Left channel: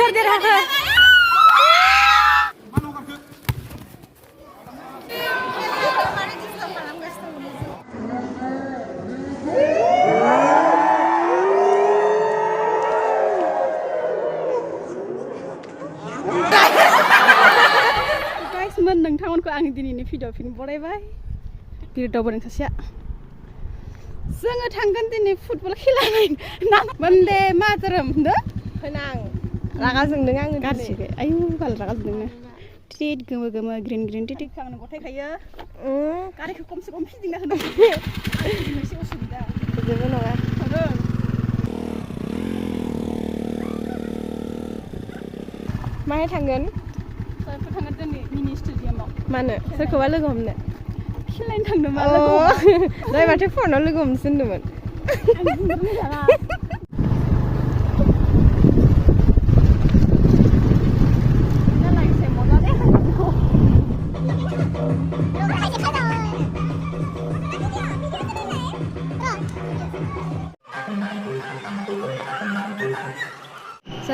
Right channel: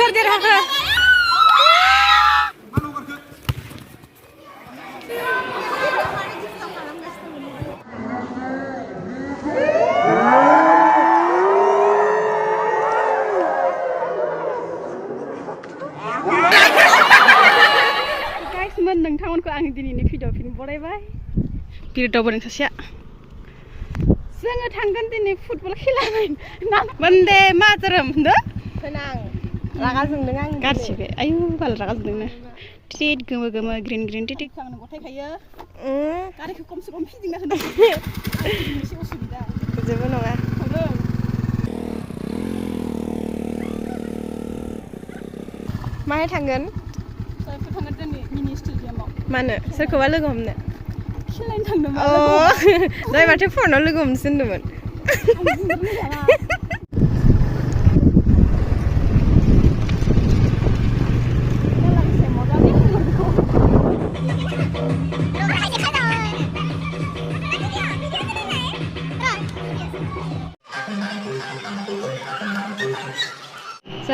सोर देरहाखो नोंथांमोनखौ आंनि दिनैनि भिडिअ फिल्म बरायबाय बिरदावबो सासेया जोङो थांगोन दिनै फुटबल खेला मोनदे मातरम होनदो फैनां रागा जोंदों आं गारसिबे आयु बाल रागा जोंदोंनो टिट गोमो गोमो ग्रिन ग्रिन टिट आंनो गथायखायो गारिखौ खमसे खम फिदिंना होनो एसे उसुबिदा जेबो नङा माहाय थांगोन थांगोन जोंनि मिनि स्टेडियामाव मानो सोरखौबा लोगो हमनो खेलायनो थांदोंमोन जाय माथो फनाव लोगो हमनोसो होनदोंमोन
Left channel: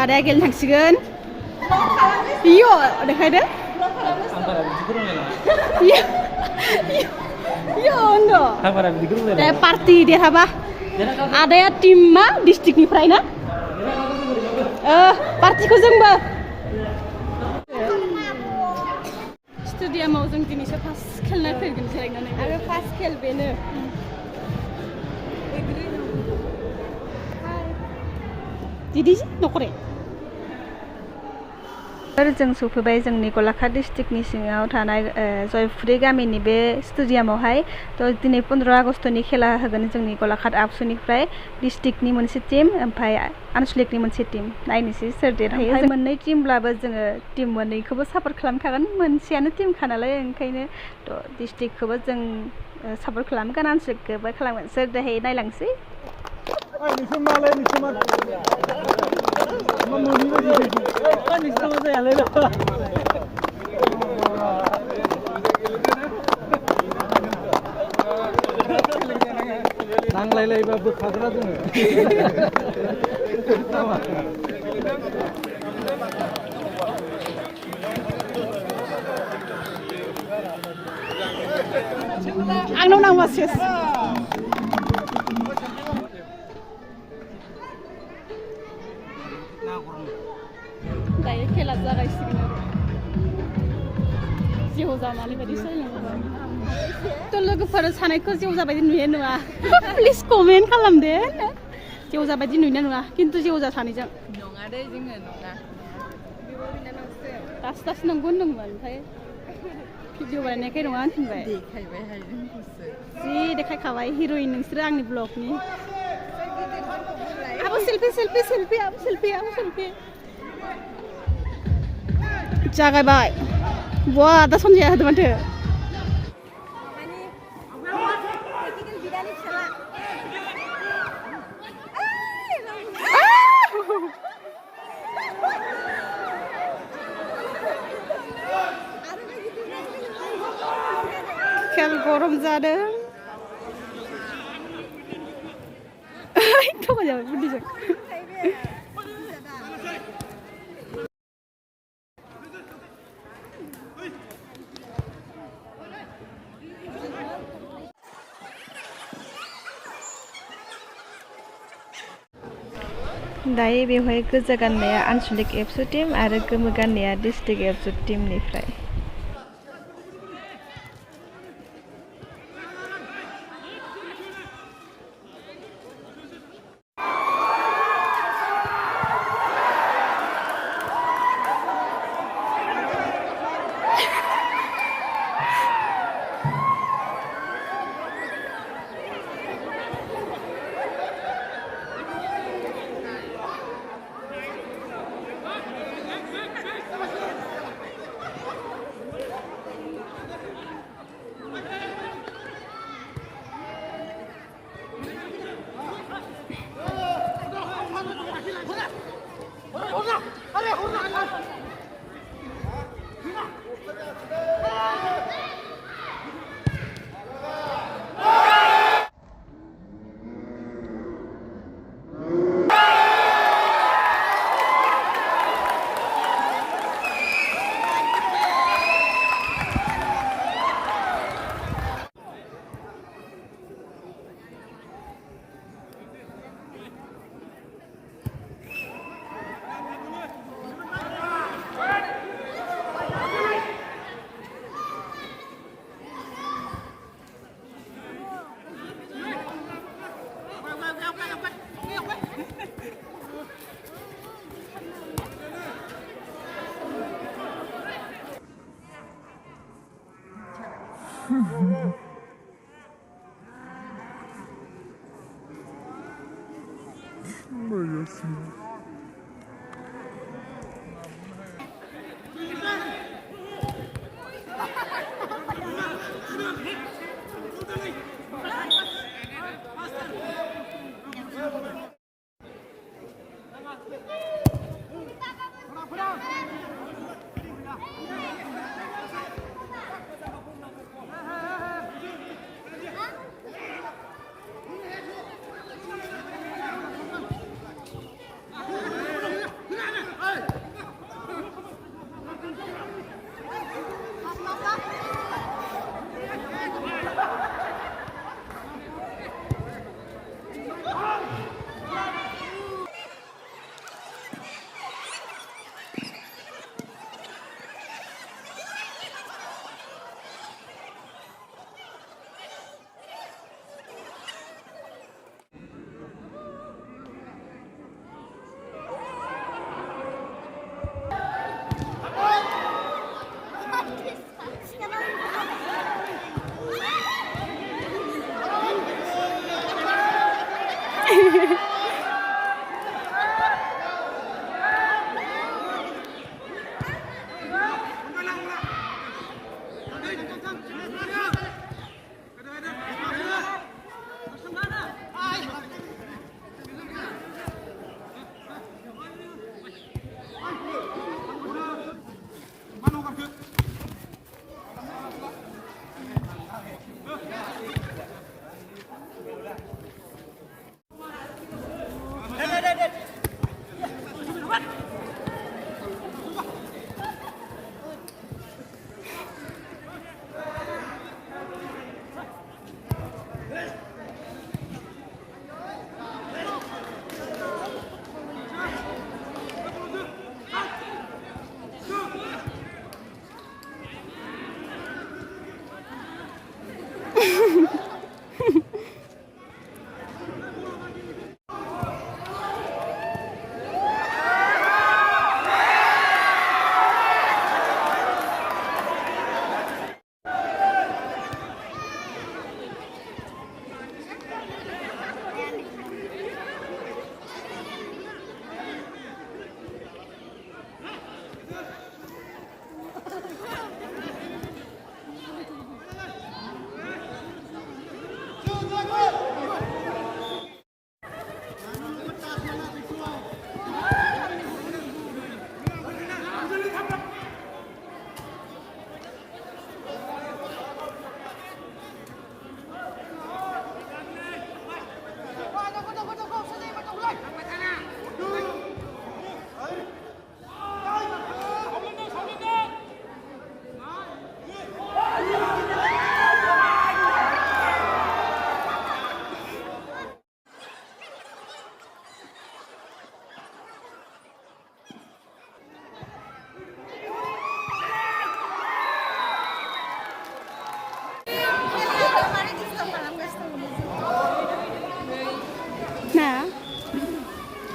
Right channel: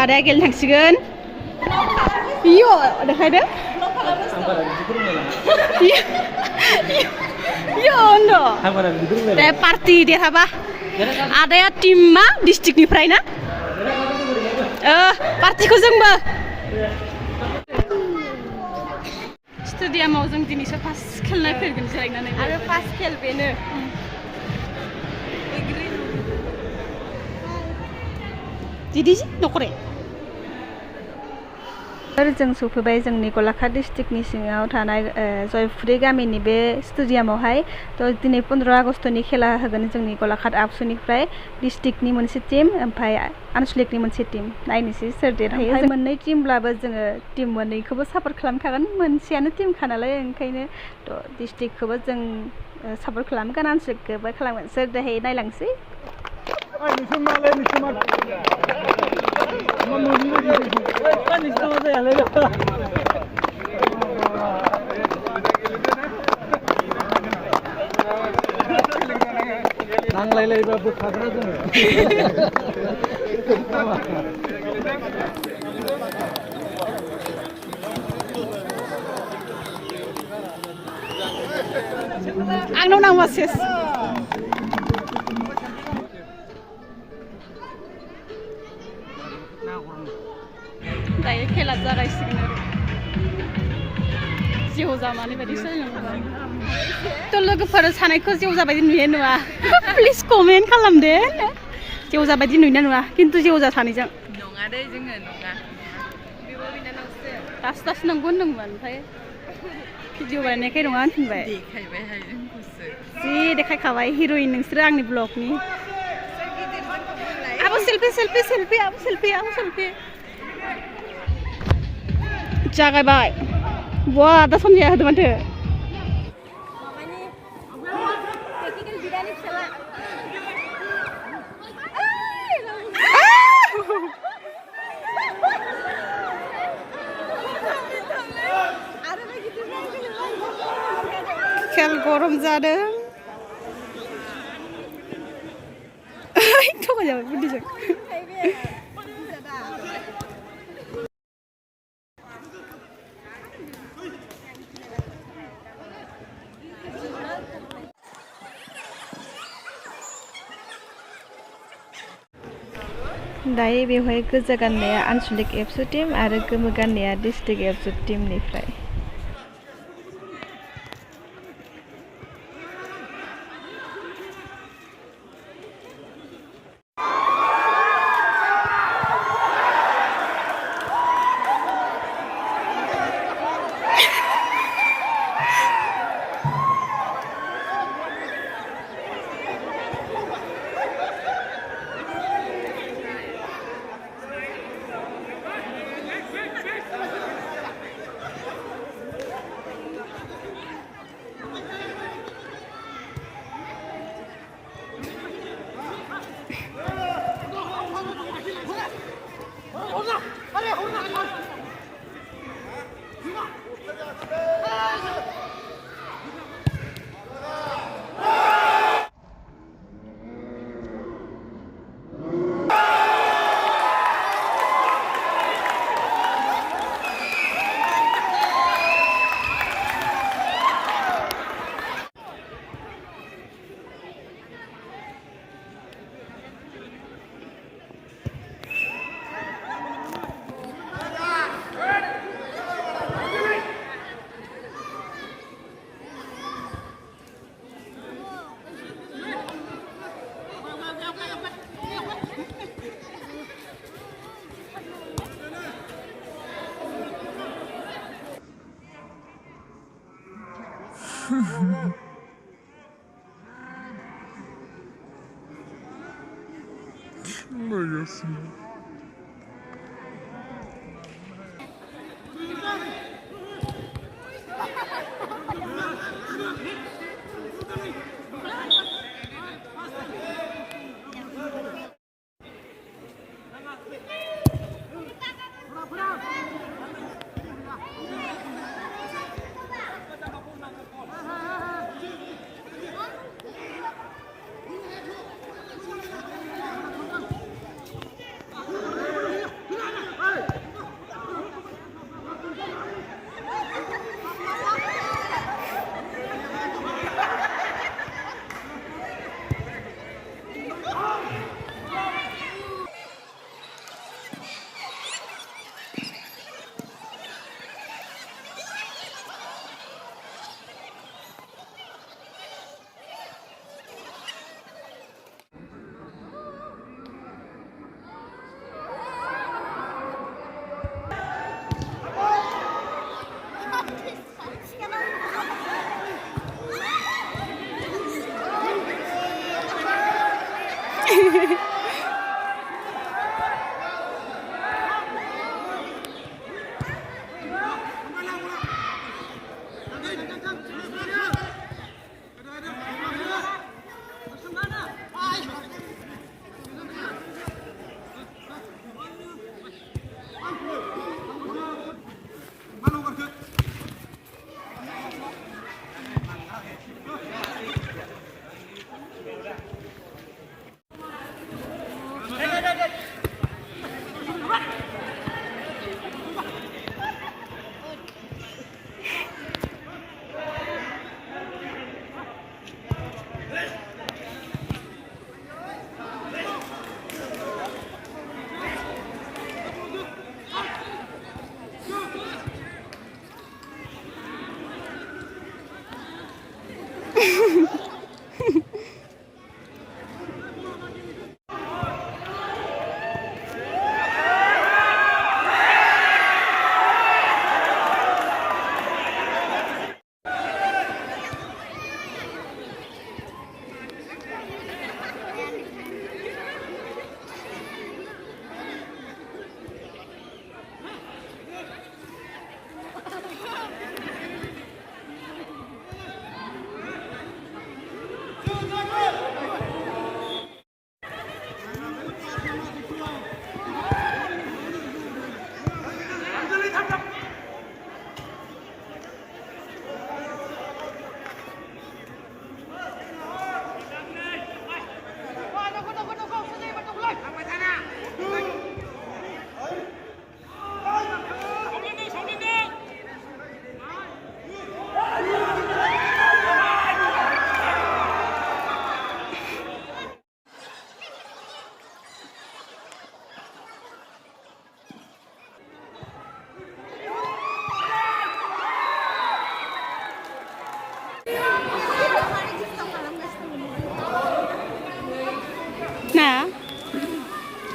आदाया गेलेनो थांसिगोन इयो देखायदो पार्टी देरहाबा आदाया टीम मा डिस्ट्रिक्टनिफ्राय ना पार्टीखौ जोंबो स्टेडियामाव जों दिनैसो फार्स्ट खेलनाय फैगोन जिरायनानै आरो फार्स्ट खेल बेनो दिदी नखरे जों सफैबाय जोंनि गलाघाट डिस्ट्रिक्टनि सिङाव थानाय जयफुरि गामिनि बे स्टेडियामावहाय थ' दिनै 15 आगस्टनि खेला होगोन जोंनि गलाघाट आबसुनिफ्राय डिस्ट्रिक्टनि मोनसे टीम ओमफ्राय आनसलिकनि मोनसे टीम नायनोसै सोर देरहायो मोननै टीमब्लाबो जोङो टीम मोननैखौबो सापर्ट खालामखागोन मोनसेयानो टीमखा नालाय ओंखायनो थ' डिस्ट्रिक्टखौबो जों सापर्ट खालामगोन आनसलिकखौबो खालामगोन सोर देरहायो नायलांसै नांलायलायबा बोखाग्रा जोङो आंनाव नांबा सेस दायो खेला जागायसिगोन आरो जेव जामानि बायदि सोलिलांबाय थ' लोगोफोर सानायखौ जेव जाबायदि नुयो नुवा प्लिज कमेन्ट खालामदो जेव जाबायदि नुयो नुवा खिन्थु जेव जा सानैजों नङा दे जोङो नङा दासो दासो नंगौ होनदोंमोन ओमफ्राय भिडिअ बानायनायखाय नङा होनफिनबाय देखायबायहाय जोंखौसो जि देखायखाबाय हिर'इन नोंसोरो आंनि ब्लगनि आबो सेल्फि सेल्फि सेल्फि आबो सेल्फि आबो सेल्फि जागायबाय बा दा सनजिया होदो माथो खेल गरम जादों थगायजाबाय बुद्धिजों दायो बेवहाय गोजा गाननाया आनसलिक एबसु टीम आरो गोमो गाननाया डिस्ट्रिक्ट एबसु टीमनिफ्राय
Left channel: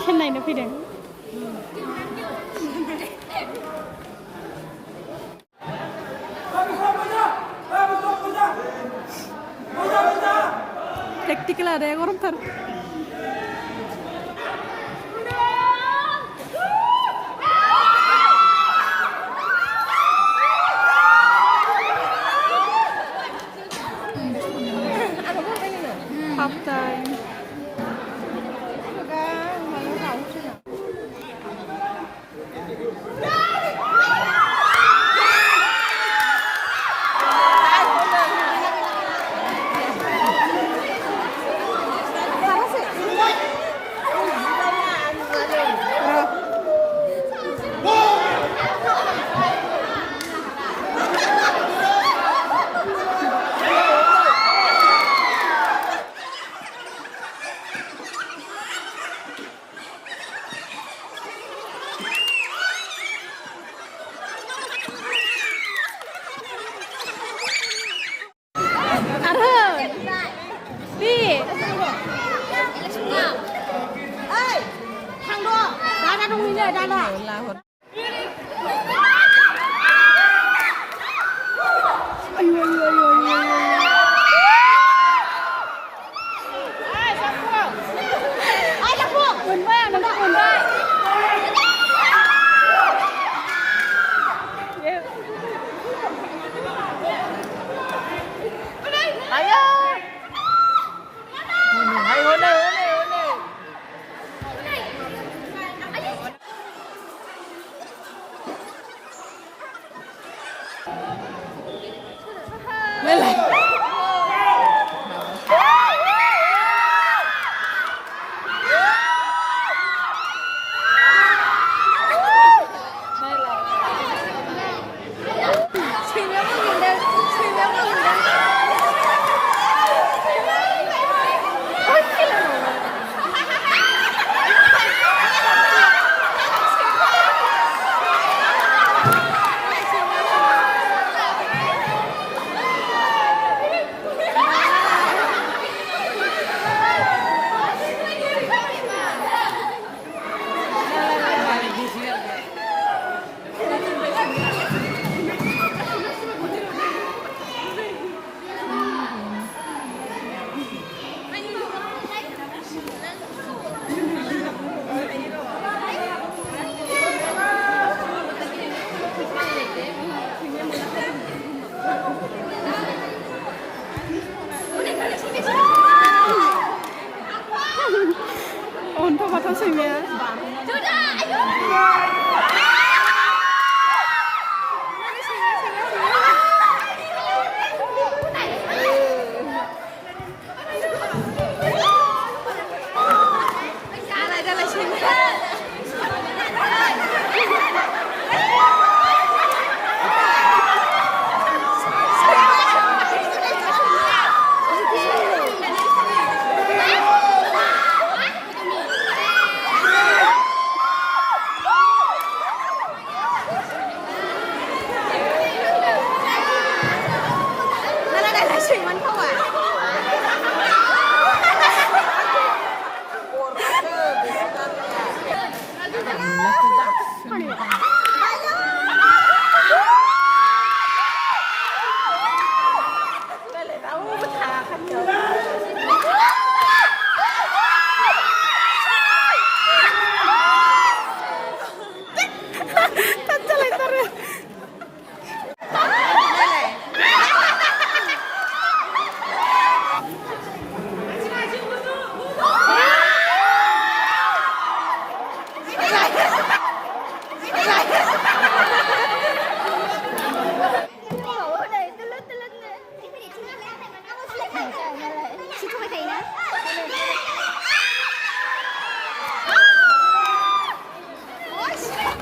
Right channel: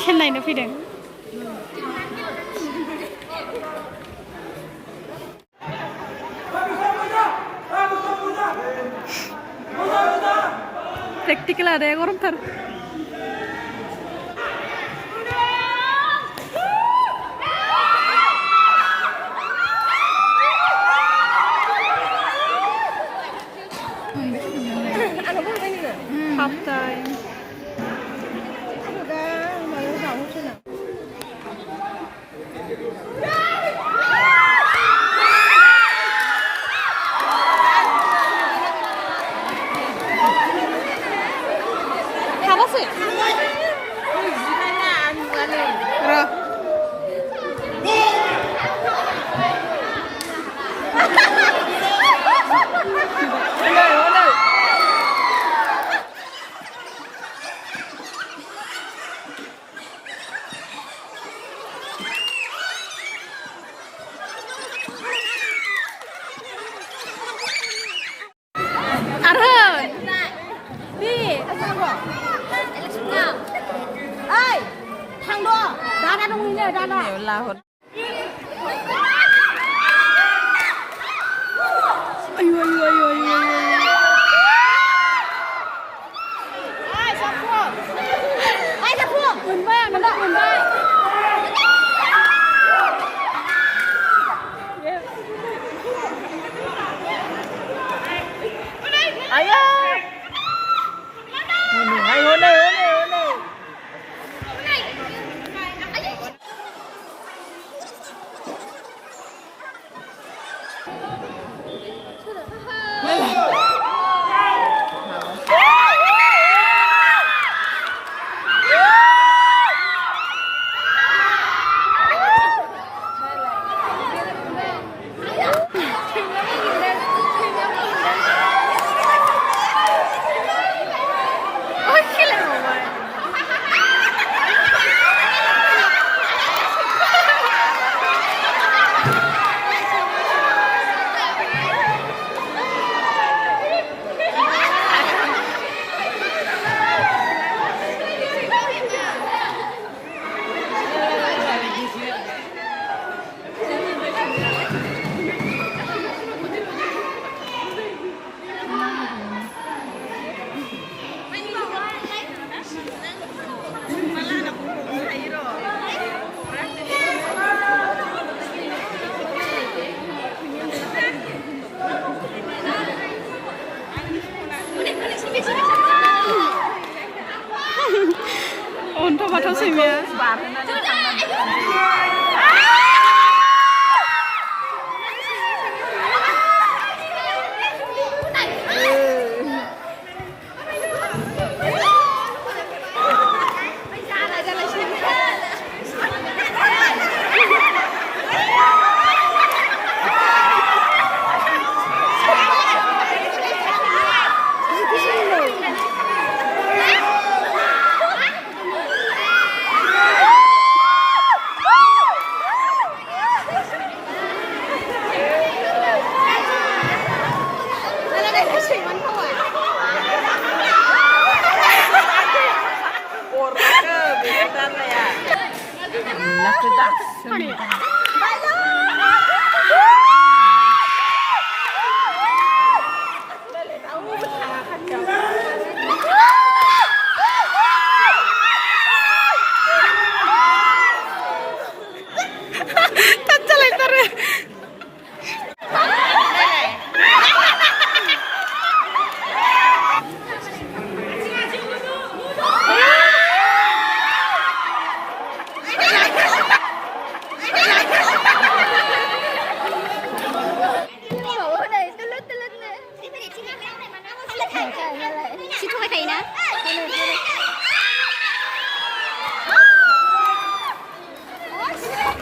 खेल नायनो फैदों प्रेक्टिकल आदाया गरमथार half time ayo ayo ayo ayo मोनबाय आं नोंखौ मोनबाय 온터 맡았으면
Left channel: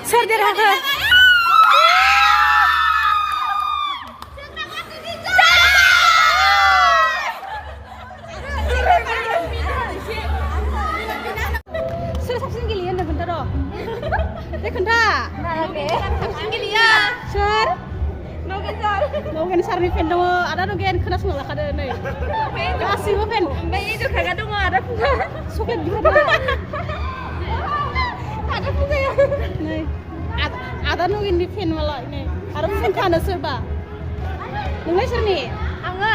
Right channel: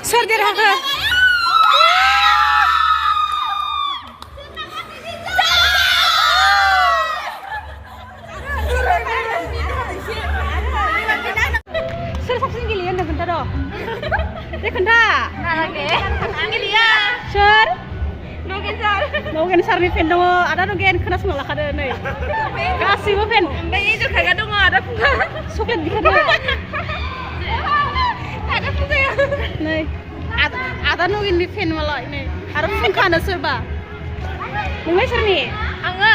सोर देरहाखो सोर साबसिन गेलेयो होनना खोन्था र' दे खोन्था नालागे आं गेलेया सोर नगेन सारनि फेन दङ आदा नगेन खोनासंना लाखादो नै गासिबो फेन ओमफ्राय ए जखागा दङ आदा फुंखा चकलेट बिहरदो आदा फुंखाया नै आदा नगेननि फेन मालाय नै आरो फुंखानो सोरबा नोंलाय सोरनि आङो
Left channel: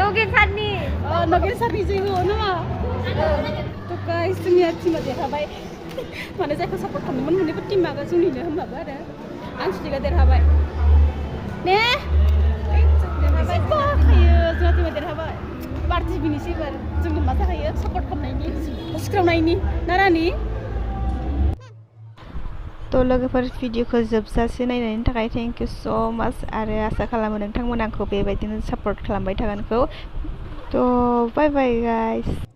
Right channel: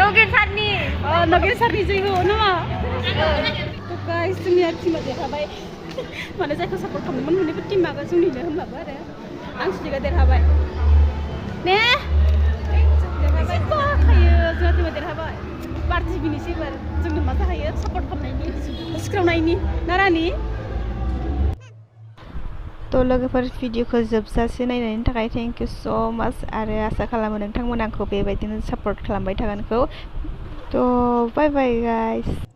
नगेन सारनि जै हो नामा थ' गाइस जोंनिया टिमा देरहाबाय माने जायखौ सापर्ट खालामदोंमोन मोननैबो टिमा जोंनिनो होनबाबो आरो आं सुदिगा देरहाबाय ने एसे बाखायो जोंहा टिमा देरहाबाय पार्टि बिनिसै एबार जोंनो मा जाखायो सापर्ट खालामनायनि सिख्रावनायनि नारानि थ' लोगोफोर भिडिअखौ जोबजासे नायनायनि थाखाय थेंक इउ स' माच आरो आसा खालामो नोंथांमोन आंखौ बेबायदिनो सापर्ट खालामबाय थागोनखौ थ' बाय बाय गाइस